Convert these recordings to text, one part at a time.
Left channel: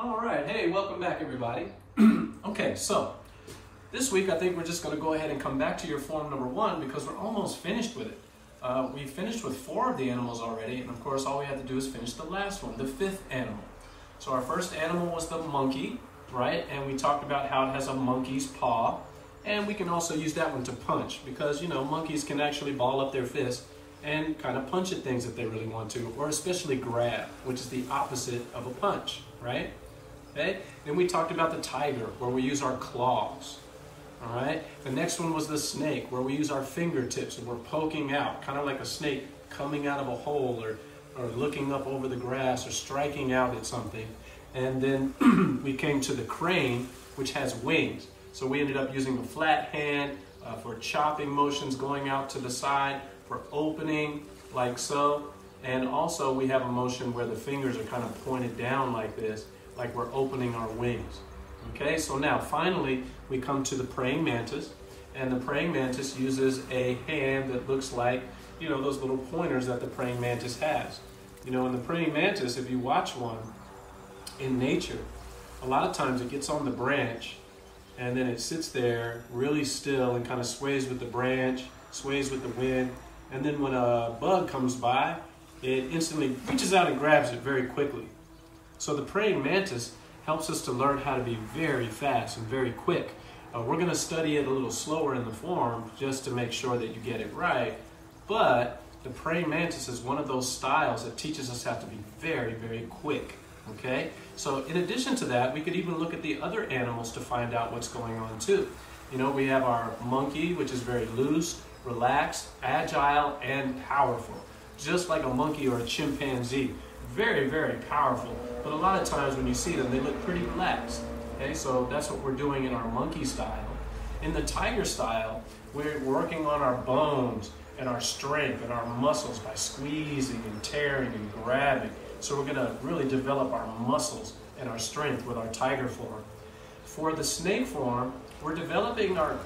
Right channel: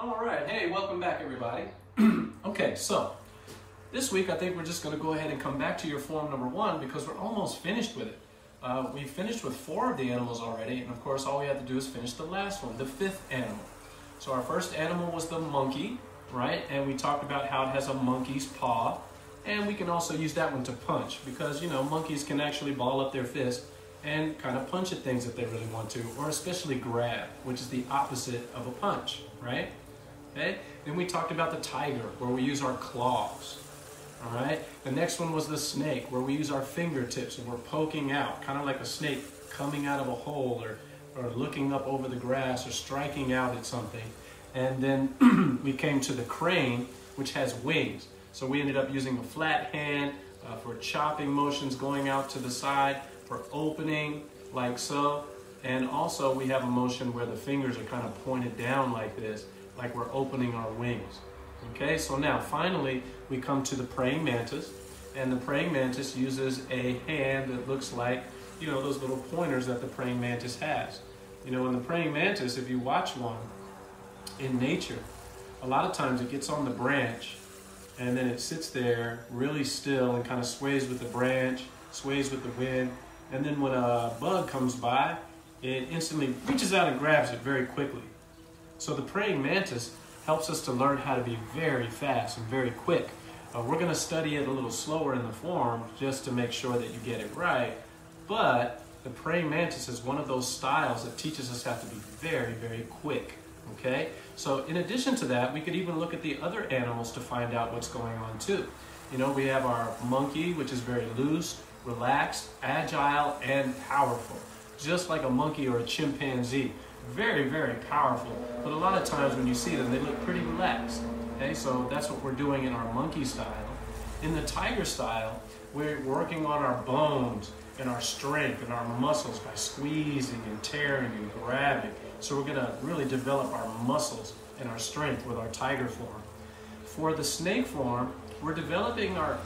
All right, hey, welcome back everybody. Okay, so this week I think we're just going to go ahead and come back to your form number 1 because we're almost finished with it. We finished with 4 of the animals already, and of course all we had to do is finish the last one, the 5th animal. So our first animal was the monkey, right? And we talked about how it has a monkey's paw, and we can also use that one to punch because, you know, monkeys can actually ball up their fist and kind of punch at things if they really want to, or especially grab, which is the opposite of a punch, right? Okay, then we talked about the tiger, where we use our claws. All right, the next one was the snake, where we use our fingertips and we're poking out, kind of like a snake coming out of a hole or looking up over the grass or striking out at something. And then we came to the crane, which has wings. So we ended up using a flat hand for chopping motions going out to the side, for opening like so. And also we have a motion where the fingers are kind of pointed down like this, like we're opening our wings. Okay, so now finally we come to the praying mantis, and the praying mantis uses a hand that looks like, you know, those little pointers that the praying mantis has. You know, in the praying mantis, if you watch one in nature, a lot of times it gets on the branch and then it sits there really still and kind of sways with the branch, sways with the wind, and then when a bug comes by, it instantly reaches out and grabs it very quickly. So the praying mantis helps us to learn how to be very fast and very quick. We're going to study it a little slower in the form just to make sure that you get it right. But the praying mantis is one of those styles that teaches us how to be very, very quick. Okay? So in addition to that, we could even look at the other animals to find out what's going on too. You know, we have our monkey, which is very loose, relaxed, agile, and powerful. Just like a monkey or a chimpanzee. Very, very powerful. But a lot of times when you see them, they look pretty relaxed. Okay, so that's what we're doing in our monkey style. In the tiger style, we're working on our bones and our strength and our muscles by squeezing and tearing and grabbing. So we're gonna really develop our muscles and our strength with our tiger form. For the snake form, we're developing a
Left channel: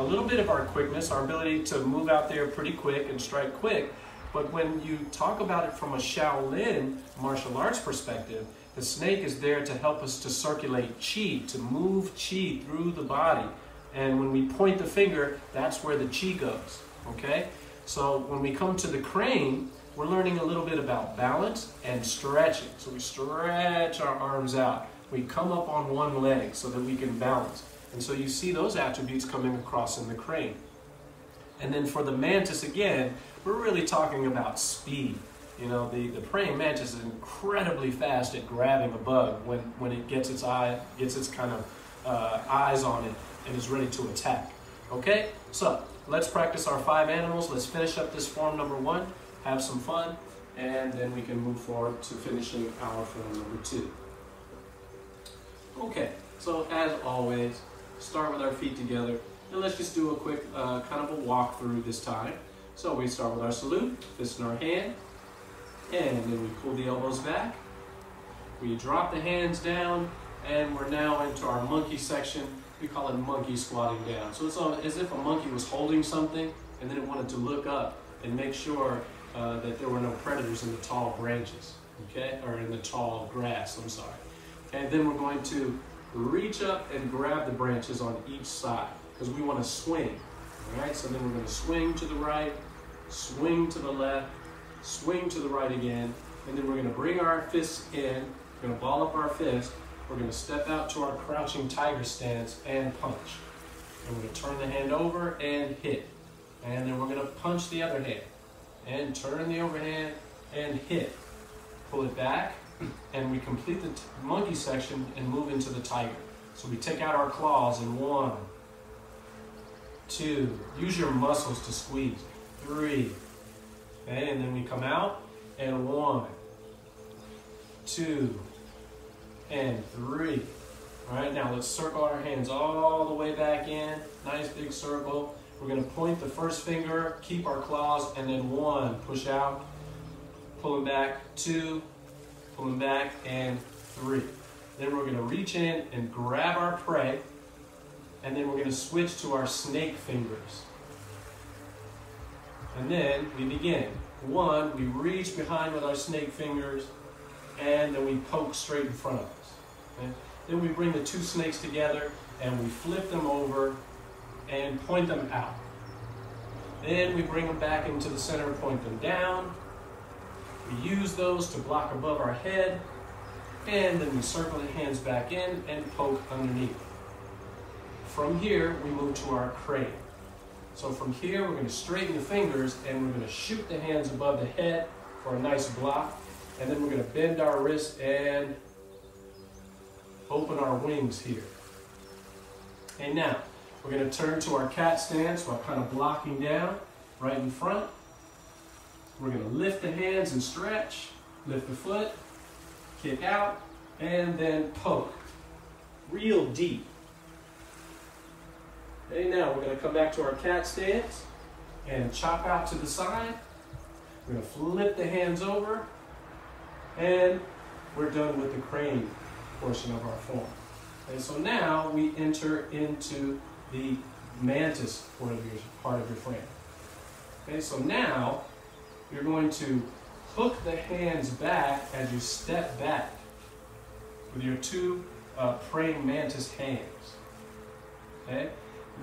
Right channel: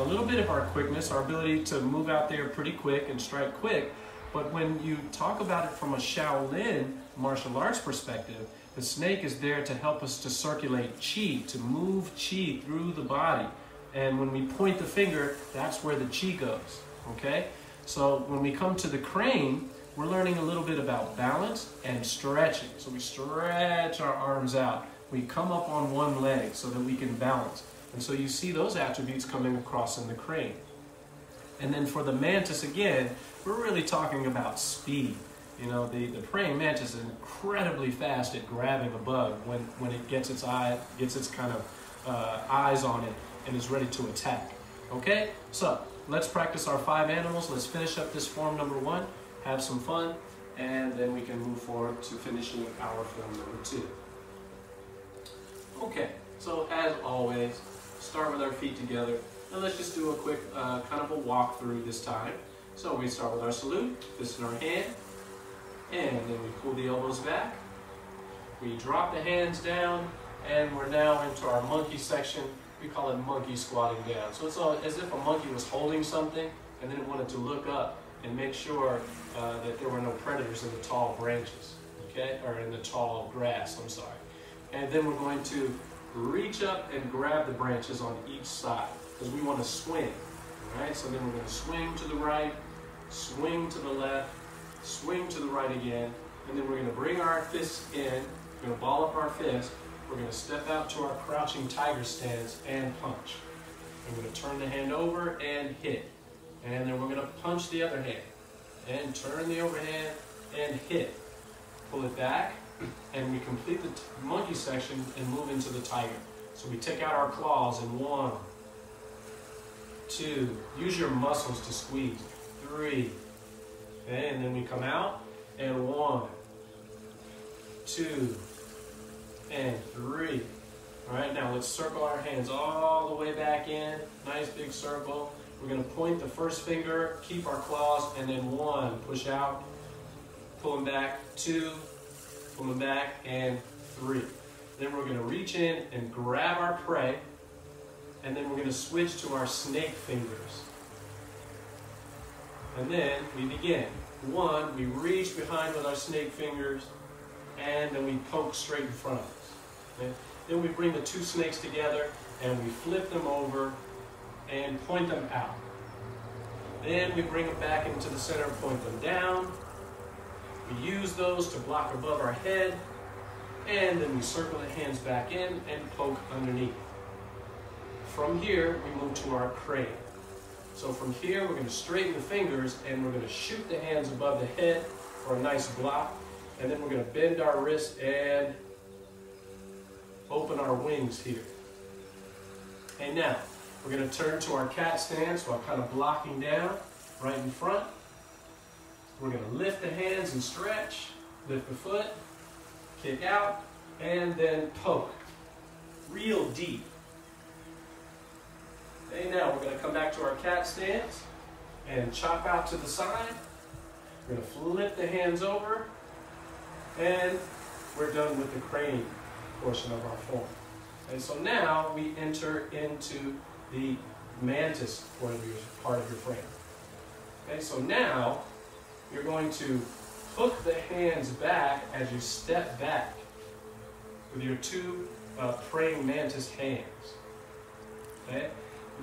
little bit of our quickness, our ability to move out there pretty quick and strike quick. But when you talk about it from a Shaolin martial arts perspective, the snake is there to help us to circulate qi, to move qi through the body. And when we point the finger, that's where the qi goes, okay? So when we come to the crane, we're learning a little bit about balance and stretching. So we stretch our arms out. We come up on one leg so that we can balance. And so you see those attributes coming across in the crane. And then for the mantis, again, we're really talking about speed. You know, the praying mantis is incredibly fast at grabbing a bug when it gets its kind of eyes on it and is ready to attack. Okay, so let's practice our 5 animals. Let's finish up this form number 1, have some fun, and then we can move forward to finishing our form number 2. Okay, so as always, start with our feet together. And let's just do a quick kind of a walk through this time. So we start with our salute, fist in our hand, and then we pull the elbows back. We drop the hands down, and we're now into our monkey section. We call it monkey squatting down. So it's as if a monkey was holding something, and then it wanted to look up and make sure that there were no predators in the tall branches, okay? Or in the tall grass, I'm sorry. And then we're going to reach up and grab the branches on each side, because we want to swing, all right? So then we're going to swing to the right, swing to the left, swing to the right again, and then we're going to bring our fists in, we're going to ball up our fist, we're going to step out to our crouching tiger stance and punch. I'm going to turn the hand over and hit, and then we're going to punch the other hand, and turn the overhand and hit. Pull it back, and we complete the monkey section and move into the tiger. So we take out our claws in 1, 2, use your muscles to squeeze, 3, okay, and then we come out, and 1, 2, and 3. All right, now let's circle our hands all the way back in, nice big circle. We're gonna point the first finger, keep our claws, and then 1, push out, pull them back, 2, pull them back, and 3. Then we're gonna reach in and grab our prey, and then we're going to switch to our snake fingers. And then we begin. 1, we reach behind with our snake fingers, and then we poke straight in front of us. Okay? Then we bring the two snakes together and we flip them over and point them out. Then we bring them back into the center, point them down. We use those to block above our head, and then we circle the hands back in and poke underneath. From here, we move to our crane. So from here, we're going to straighten the fingers and we're going to shoot the hands above the head for a nice block. And then we're going to bend our wrists and open our wings here. Okay, now we're going to turn to our cat stance while kind of blocking down right in front. We're going to lift the hands and stretch, lift the foot, kick out, and then poke real deep. Okay, now we're going to come back to our cat stance and chop out to the side. We're going to flip the hands over, and we're done with the crane portion of our form. Okay, so now we enter into the mantis part of your frame. Okay, so now you're going to hook the hands back as you step back with your two praying mantis hands. Okay?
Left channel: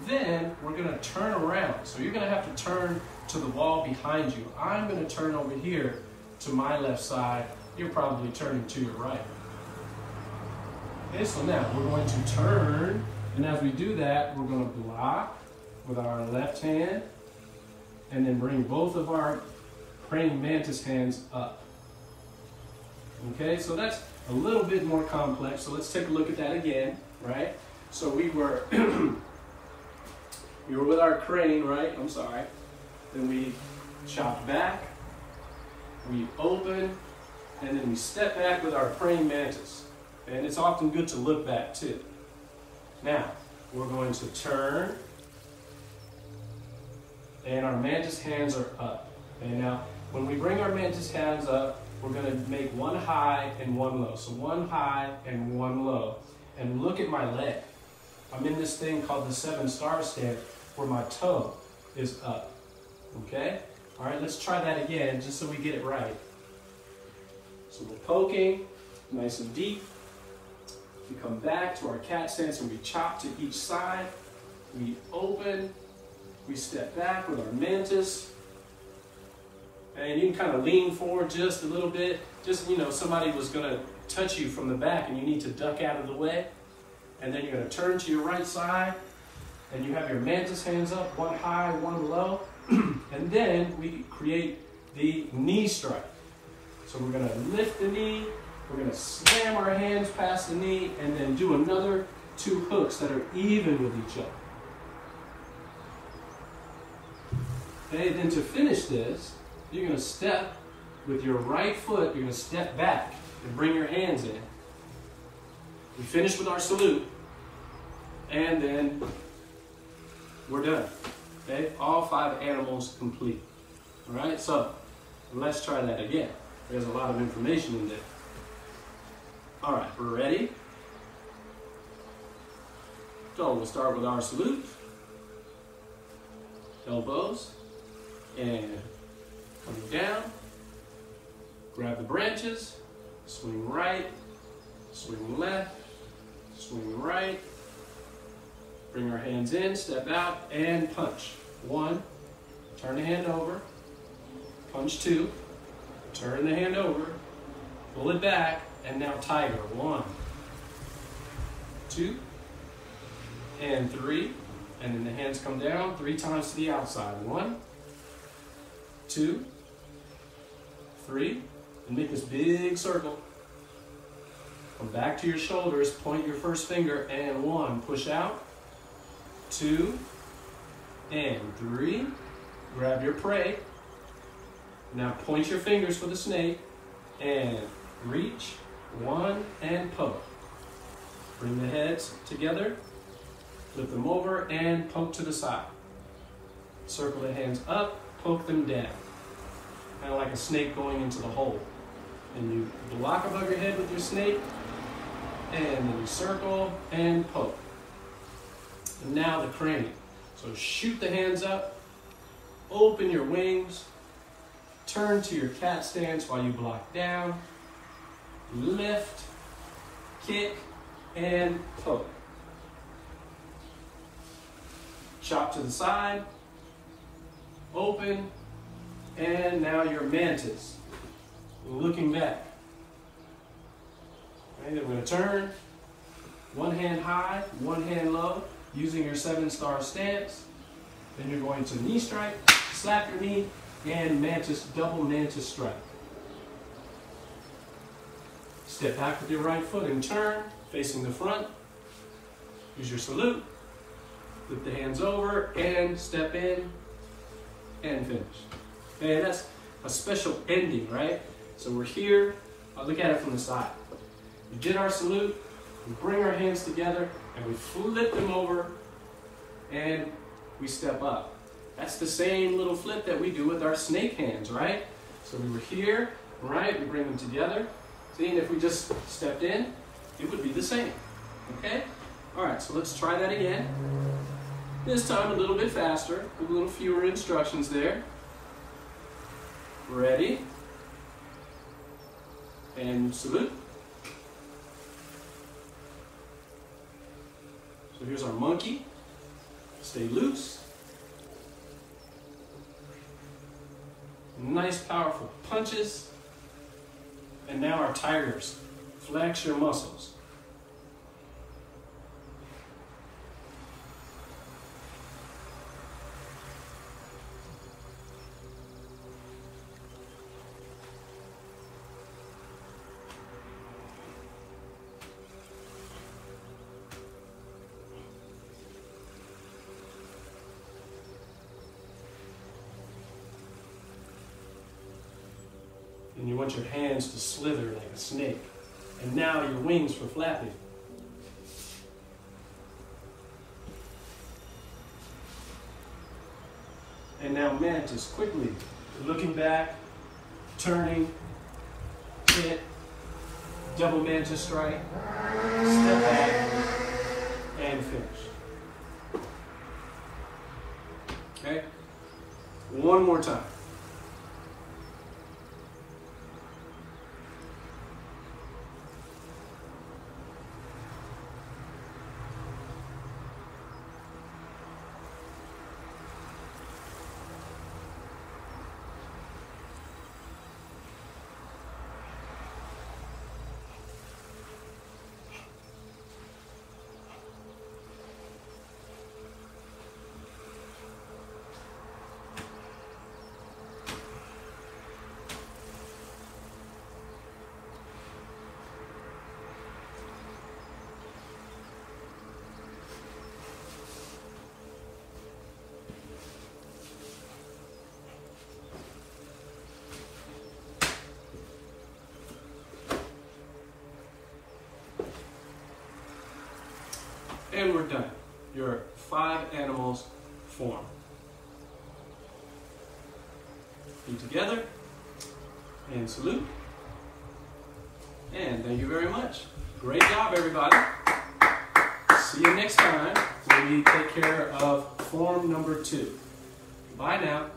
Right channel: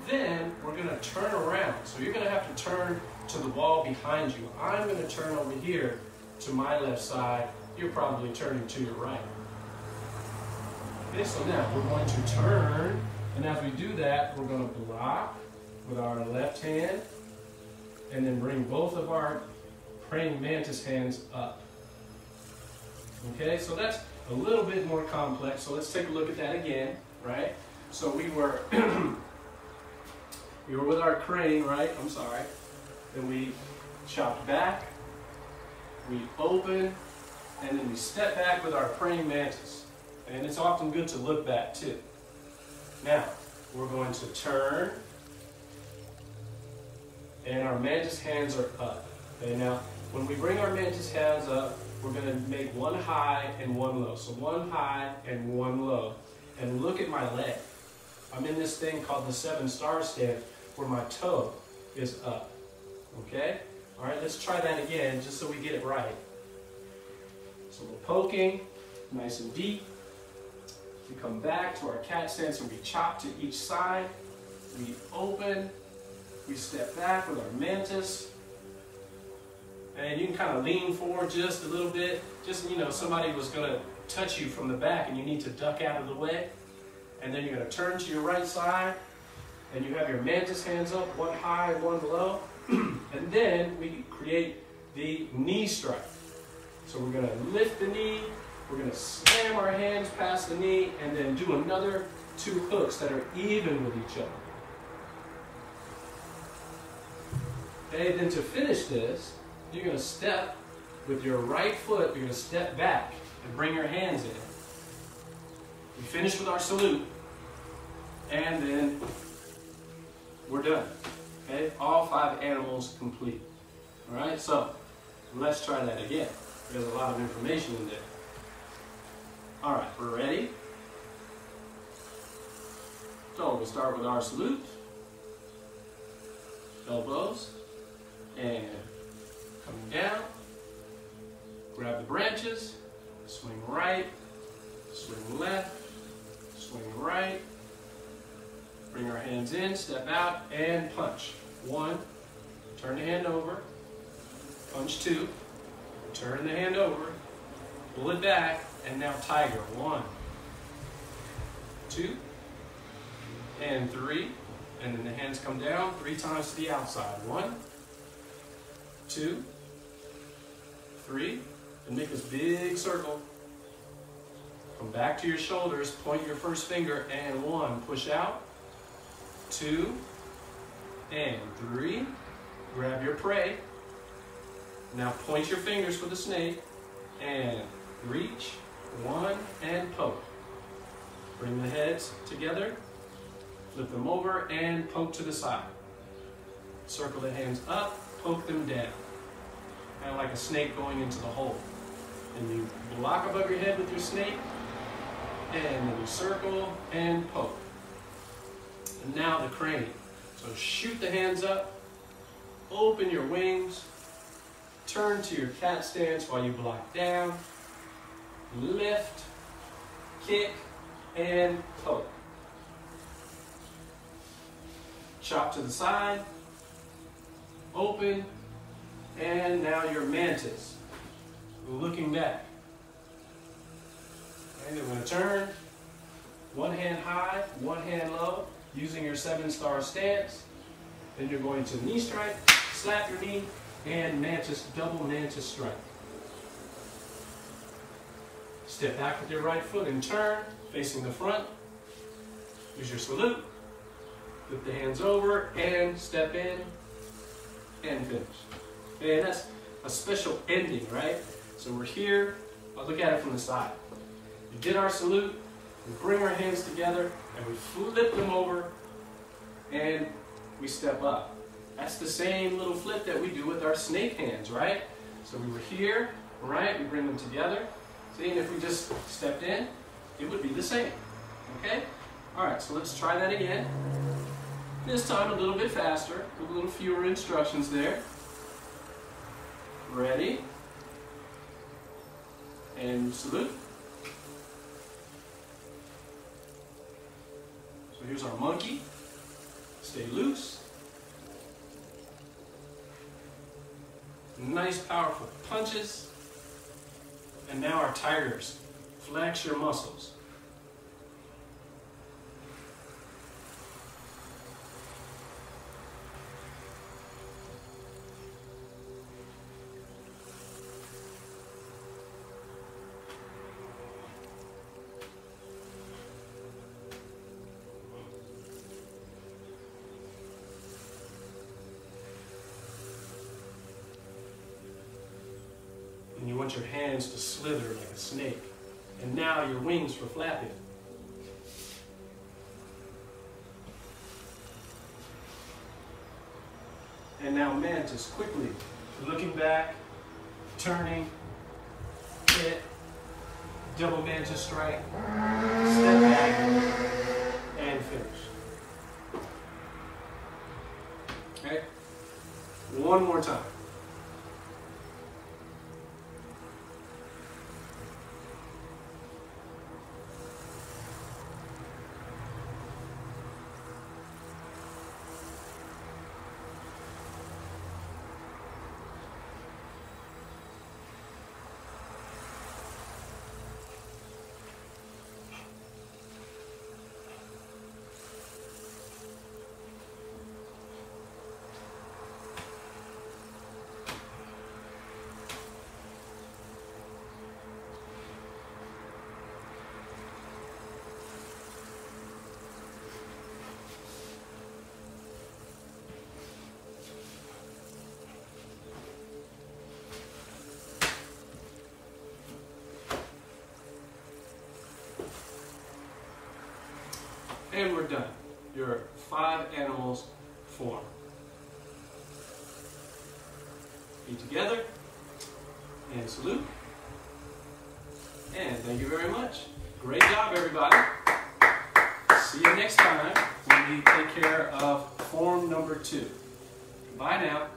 Then we're going to turn around. So you're going to have to turn to the wall behind you. I'm going to turn over here to my left side. You're probably turning to your right. Okay, so now we're going to turn, and as we do that, we're going to block with our left hand, and then bring both of our praying mantis hands up. Okay, so that's a little bit more complex. So let's take a look at that again, right? So we were we were with our crane, right? I'm sorry. Then we chopped back, we open, and then we step back with our praying mantis. And it's often good to look back too. Now, we're going to turn, and our mantis hands are up. Okay, now, when we bring our mantis hands up, we're going to make one high and one low. So one high and one low. And look at my leg. I'm in this thing called the 7-star stance where my toe is up. Okay? All right, let's try that again just so we get it right. So we're poking, nice and deep. We come back to our cat stance and we chop to each side. We open, we step back with our mantis. And you can kind of lean forward just a little bit. Just, somebody was going to touch you from the back and you need to duck out of the way. And then you're going to turn to your right side and you have your mantis hands up, one high, one low. And then we create the knee strike. So we're going to lift the knee. We're going to slam our hands past the knee and then do another 2 hooks that are even with each other. Okay, then to finish this, you're going to step with your right foot, you're going to step back and bring your hands in. We finish with our salute, and then we're done. Okay, all 5 animals complete. All right, so let's try that again. There's a lot of information in there. All right, we're ready. So we'll start with our salute. Elbows. And coming down. Grab the branches. Swing right. Swing left. Swing right. Bring our hands in, step out, and punch. 1. Turn the hand over. Punch 2. Turn the hand over. Pull it back. And now tiger. 1, 2, and 3. And then the hands come down 3 times to the outside. 1, 2, 3. And make this big circle. Come back to your shoulders. Point your first finger. And 1. Push out. 2, and 3. Grab your prey. Now point your fingers for the snake. And reach. 1, and poke. Bring the heads together, flip them over, and poke to the side. Circle the hands up, poke them down. Kind of like a snake going into the hole. Then you block above your head with your snake, and then you circle and poke. And now the crane. So shoot the hands up, open your wings, turn to your cat stance while you block down, lift, kick, and poke. Chop to the side, open, and now your mantis. Looking back. Okay, then we're going to turn, one hand high, one hand low, using your 7-star stance. Then you're going to knee strike, slap your knee, and mantis, double mantis strike. Step back with your right foot and turn, facing the front. Use your salute. Flip the hands over and step in and finish. And that's a special ending, right? So we're here. Look at it from the side. We did our salute. We bring our hands together and we flip them over and we step up. That's the same little flip that we do with our snake hands, right? So we were here, right? We bring them together. See, and if we just stepped in, it would be the same, okay? All right, so let's try that again. This time a little bit faster, with a little fewer instructions there. Ready? And salute. So here's our monkey. Stay loose. Nice, powerful punches. And now our tigers. Flex your muscles. And you want your hands to slither like a snake. And now your wings for flapping. And now mantis, quickly. Looking back, turning, hit, double mantis strike, step back, and finish. Okay? One more time. And we're done. Your 5 animals form. Feet together. And salute. And thank you very much. Great job, everybody. See you next time when we take care of form number 2. Bye now.